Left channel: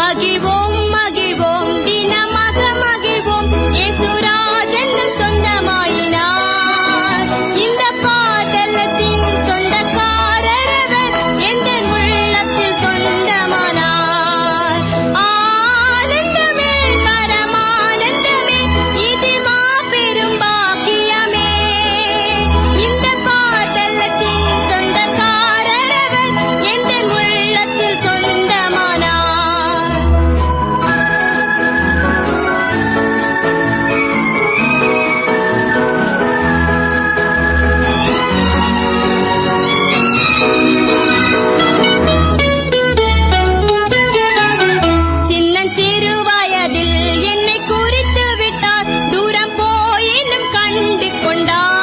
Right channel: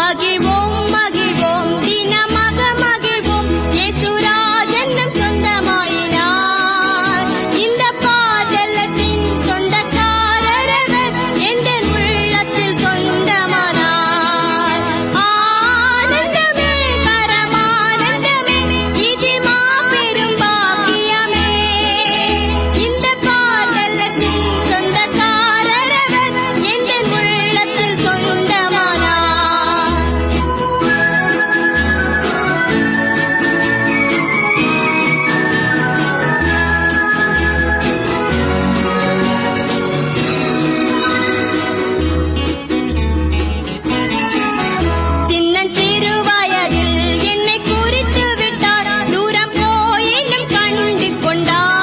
மகிழ்வோம் மகிழ்வோம் தினமாக மகிழ்வோம் இயேசுராஜன் சொந்தமாயினார். இந்த பாதலத்தின் சொந்தக்காரரவர் எந்த உள்ளத்தில் சொந்தமானார். ஆனந்தமே பரமானந்தமே இது மாபெரும் பாக்கியமே. இந்த பாதலத்தின் சொந்தக்காரரவர் எந்த உள்ளத்தில் சொந்தமானார். சின்னஞ்சிறு வயதில் என்னை குறித்து விட்டார். தூரம் போயினும் கண்டு கொண்டார்.